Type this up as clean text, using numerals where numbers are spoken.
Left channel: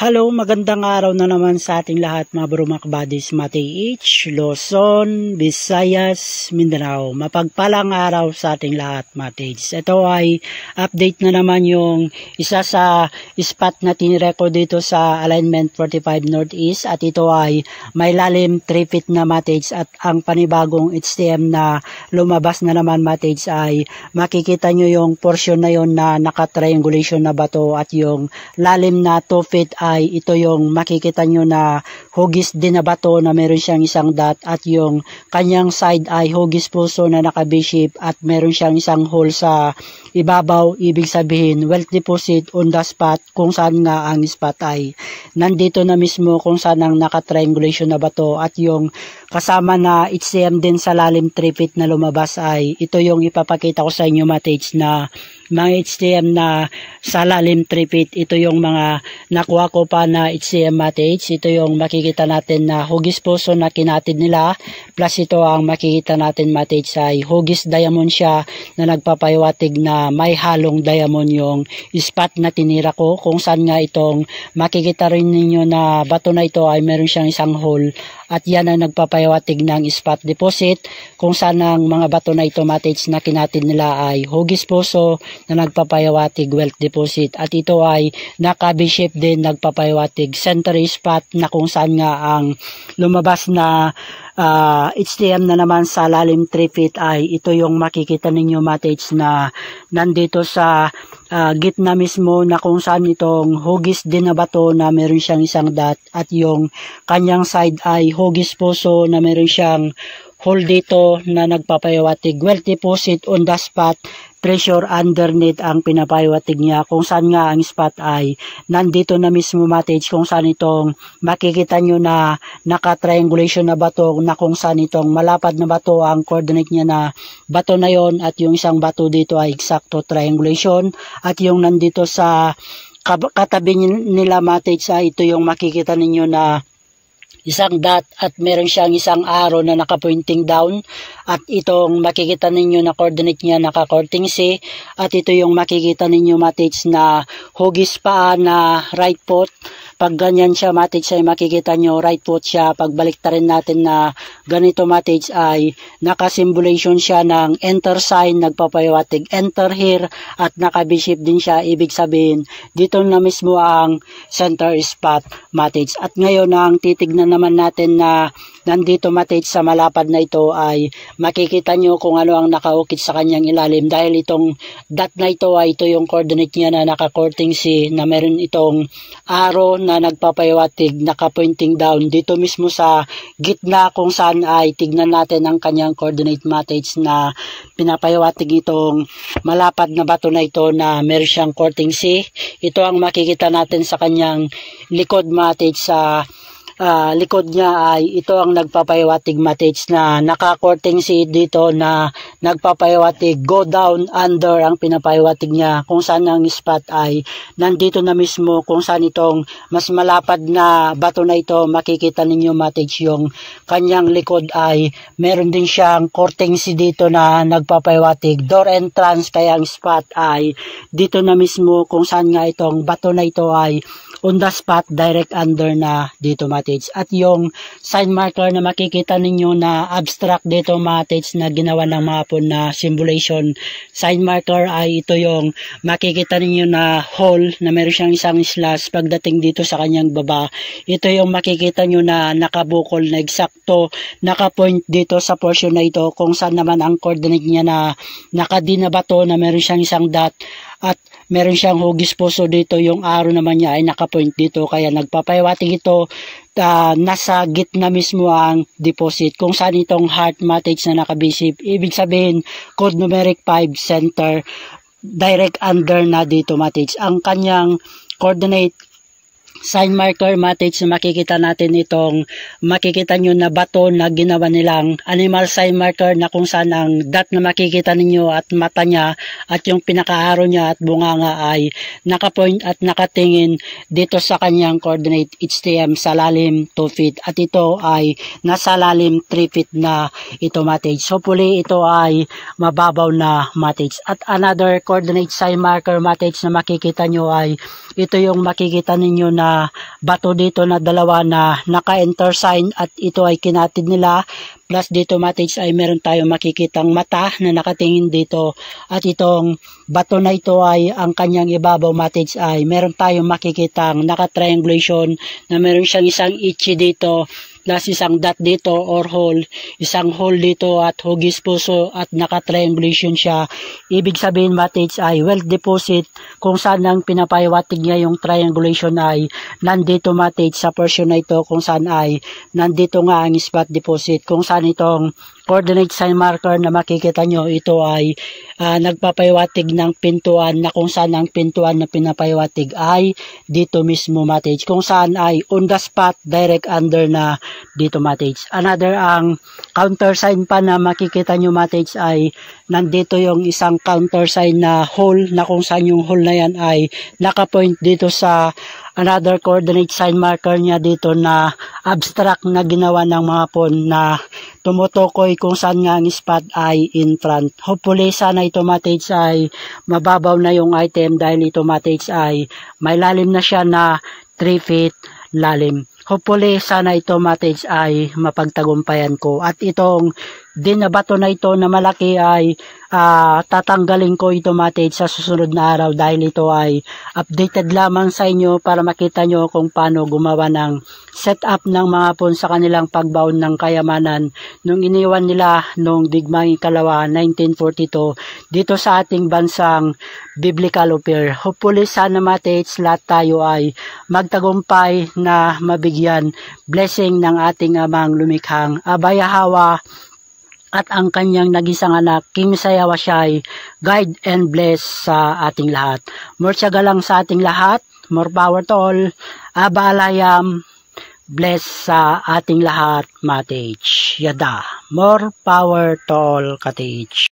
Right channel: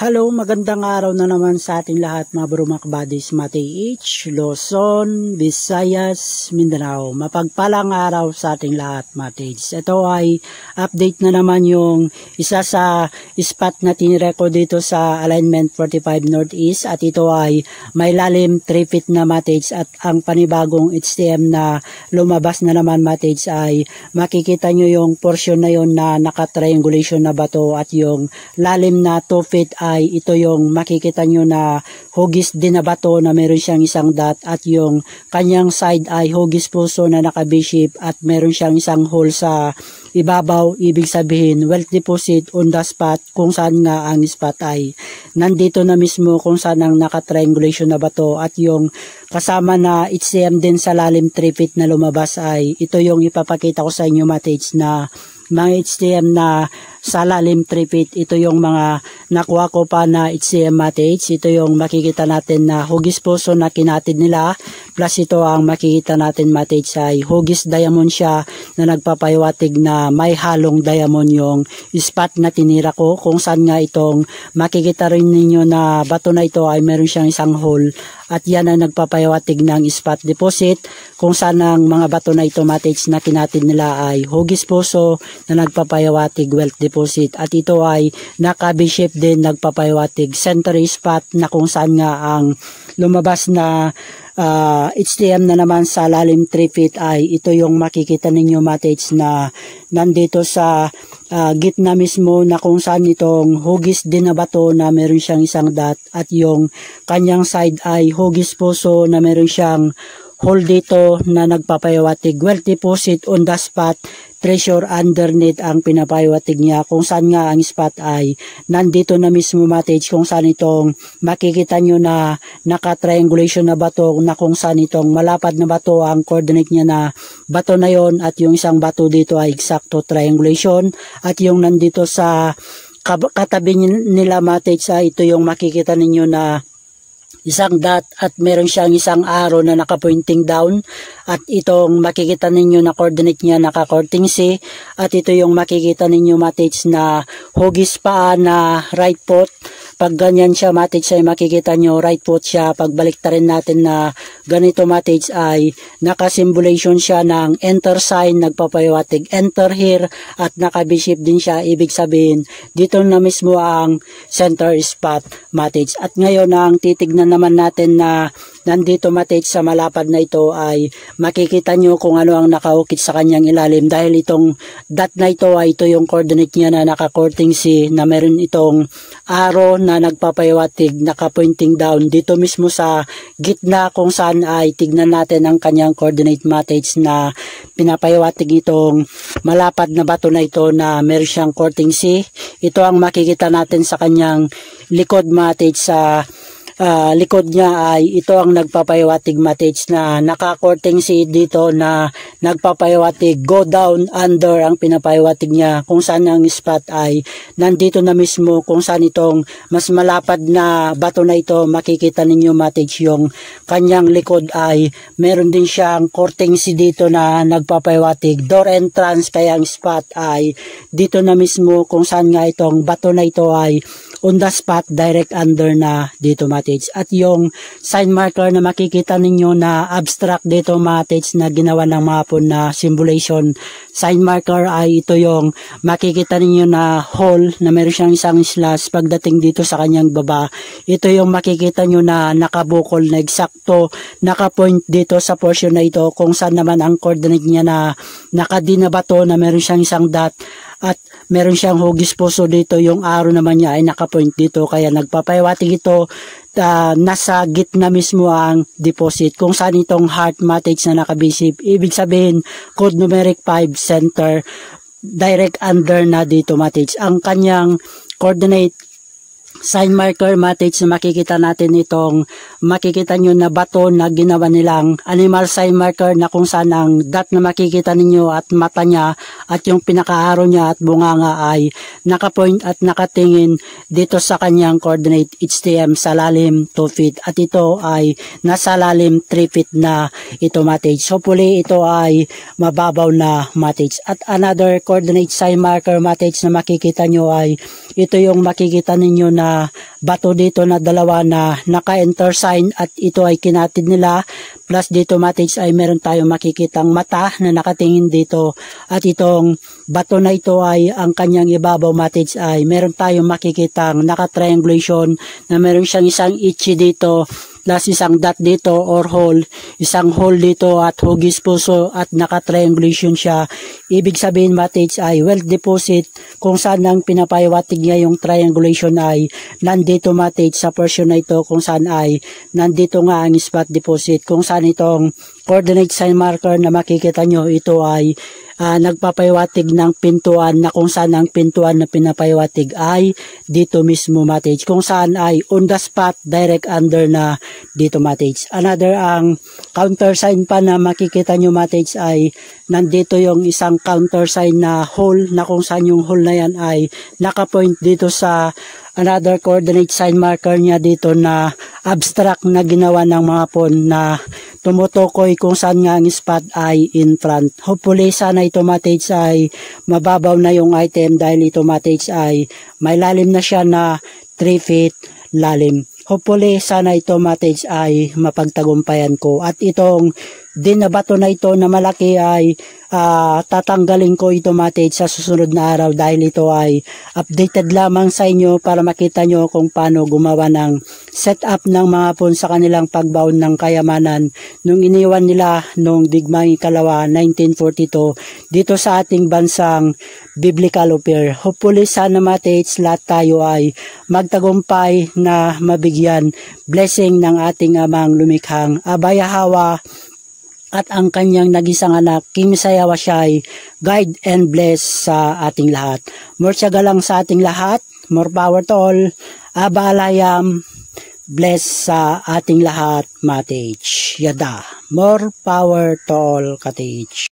Hello, magandang araw na naman sa ating lahat mga bro mga kabadis, H, Luzon, Visayas, Mindanao. Mapagpalang araw sa ating lahat mga H. Ito ay update na naman yung isa sa spot na tinireko dito sa alignment 45 Northeast at ito ay may lalim 3 feet na mga H at ang panibagong HTM na lumabas na naman mga H ay makikita nyo yung portion na yon na naka-triangulation na bato at yung lalim na 2 feet ay ito yung makikita nyo na hugis din na bato na meron siyang isang dot at yung kanyang side ay hugis puso na naka B-shape at meron siyang isang hole sa ibabaw. Ibig sabihin well deposit on the spot kung saan nga ang spot ay nandito na mismo kung saan ang naka-triangulation na bato at yung kasama na HTM din sa lalim 3 feet na lumabas ay ito yung ipapakita ko sa inyo matage na mga HTM na sa lalim 3 feet. Ito yung mga nakuha ko pa na HTM matage. Ito yung makikita natin na hugis puso na kinatid nila. Plus ito ang makikita natin matage ay hugis diamond siya na nagpapahiwatig na may halong diamond yung spot na tinira ko. Kung saan nga itong makikita rin ninyo na bato na ito ay meron siyang isang hole. At yan ang nagpapahiwatig ng spot deposit kung saan ang mga bato na ito matage na kinatid nila ay hugis puso na nagpapahiwatig wealth deposit at ito ay naka B-shape din nagpapahiwatig center spot na kung saan nga ang lumabas na HTM na naman sa lalim 3 feet ay ito yung makikita ninyo matage na nandito sa gitna mismo na kung saan itong hugis din na bato na meron siyang isang dot at yung kanyang side ay hugis puso na meron siyang hole dito na nagpapahiwatig wealth deposit on the spot, treasure underneath ang pinapahiwatig niya kung saan nga ang spot ay nandito na mismo matage kung saan itong makikita nyo na naka-triangulation na bato na kung saan itong malapad na bato ang coordinate niya na bato na yon at yung isang bato dito ay exacto triangulation at yung nandito sa katabi nila matage ay ito yung makikita ninyo na isang dot at meron siyang isang arrow na naka-pointing down at itong makikita ninyo na coordinate niya naka-courting C at ito yung makikita ninyo matage na hugis paa na right foot. Pag ganyan siya matage ay makikita nyo right foot siya. Pagbalik ta rin natin na ganito matage ay naka-symbolation siya ng enter sign, nagpapahiwatig enter here at naka-B-shape din siya. Ibig sabihin dito na mismo ang center spot matage. At ngayon ang titignan naman natin na nandito matage sa malapad na ito ay makikita nyo kung ano ang nakaukit sa kanyang ilalim dahil itong dot na ito ay ito yung coordinate niya na naka-courting C na meron itong arrow na nagpapahiwatig naka-pointing down dito mismo sa gitna kung saan ay tignan natin ang kanyang coordinate matage na pinapahiwatig itong malapad na bato na ito na meron siyang courting C. Ito ang makikita natin sa kanyang likod matage sa likod niya ay ito ang nagpapahiwatig matage na naka-courting C dito na nagpapahiwatig go down under ang pinapahiwatig niya kung saan ang spot ay nandito na mismo kung saan itong mas malapad na bato na ito makikita ninyo matage yung kanyang likod ay meron din siyang courting C dito na nagpapahiwatig door entrance kaya ang spot ay dito na mismo kung saan nga itong bato na ito ay on the spot direct under na dito matage at yung sign marker na makikita ninyo na abstract dito matage na ginawa ng mapon na symbolization sign marker ay ito yung makikita ninyo na hole na meron siyang isang slash pagdating dito sa kanyang baba. Ito yung makikita nyo na nakabukol na eksakto nakapoint dito sa portion na ito kung saan naman ang coordinate niya na nakadinabato na meron siyang isang dot at meron siyang hugis puso dito. Yung arrow naman niya ay nakapoint dito kaya nagpapahiwatig ito nasa gitna mismo ang deposit kung saan itong heart matage na naka-B-shape. Ibig sabihin code numeric 5 center direct under na dito matage ang kanyang coordinate sign marker matage na makikita natin itong makikita nyo na bato na ginawa nilang animal sign marker na kung saan ang dot na makikita ninyo at mata niya at yung pinaka-arrow niya at bunganga ay nakapoint at nakatingin dito sa kanyang coordinate HTM sa lalim 2 feet at ito ay nasa lalim 3 feet na ito matage. So hopefully ito ay mababaw na matage. At another coordinate sign marker matage na makikita nyo ay ito yung makikita ninyo na bato dito na dalawa na naka-intersign at ito ay kinatid nila. Plus dito mates ay meron tayong makikitang mata na nakatingin dito at itong bato na ito ay ang kanyang ibabaw mates ay meron tayong makikitang naka-triangulation na meron siyang isang itchy dito plus isang dot dito or hole, isang hole dito at hugis puso at naka-triangulation siya. Ibig sabihin mates ay well deposit kung saan ang pinapaiwatig niya yung triangulation ay nandito mates sa portion na ito kung saan ay nandito nga ang spot deposit kung saan itong coordinate sign marker na makikita nyo ito ay nagpapaiwatig ng pintuan na kung saan ang pintuan na pinapaiwatig ay dito mismo mates kung saan ay on the spot direct under na dito mates. Another ang counter sign pa na makikita nyo mates ay nandito yung isang counter sign na hole na kung saan yung hole na yan ay nakapoint dito sa another coordinate sign marker niya dito na abstract na ginawa ng mga pawn na tumutukoy kung saan nga ang spot ay in front. Hopefully sana ito mates ay mababaw na yung item dahil ito mates ay may lalim na siya na 3 feet lalim. Hopefully sana ito mates ay mapagtagumpayan ko at itong dinabato na ito na malaki ay tatanggalin ko ito mates sa susunod na araw dahil ito ay updated lamang sa inyo para makita nyo kung paano gumawa ng setup ng mga pawn sa kanilang pagbaon ng kayamanan nung iniwan nila nung digmang ikalawa 1942 dito sa ating bansang biblical affair. Hopefully sana mates lahat tayo ay magtagumpay na mabigyan blessing ng ating amang lumikhang Abayahawa at ang kanyang nagisang anak, King Sayawa siya'y guide and bless sa ating lahat. More tiyaga lang sa ating lahat, more power to all, Abalayam, bless sa ating lahat, Matich. Yada, more power to all, Katich.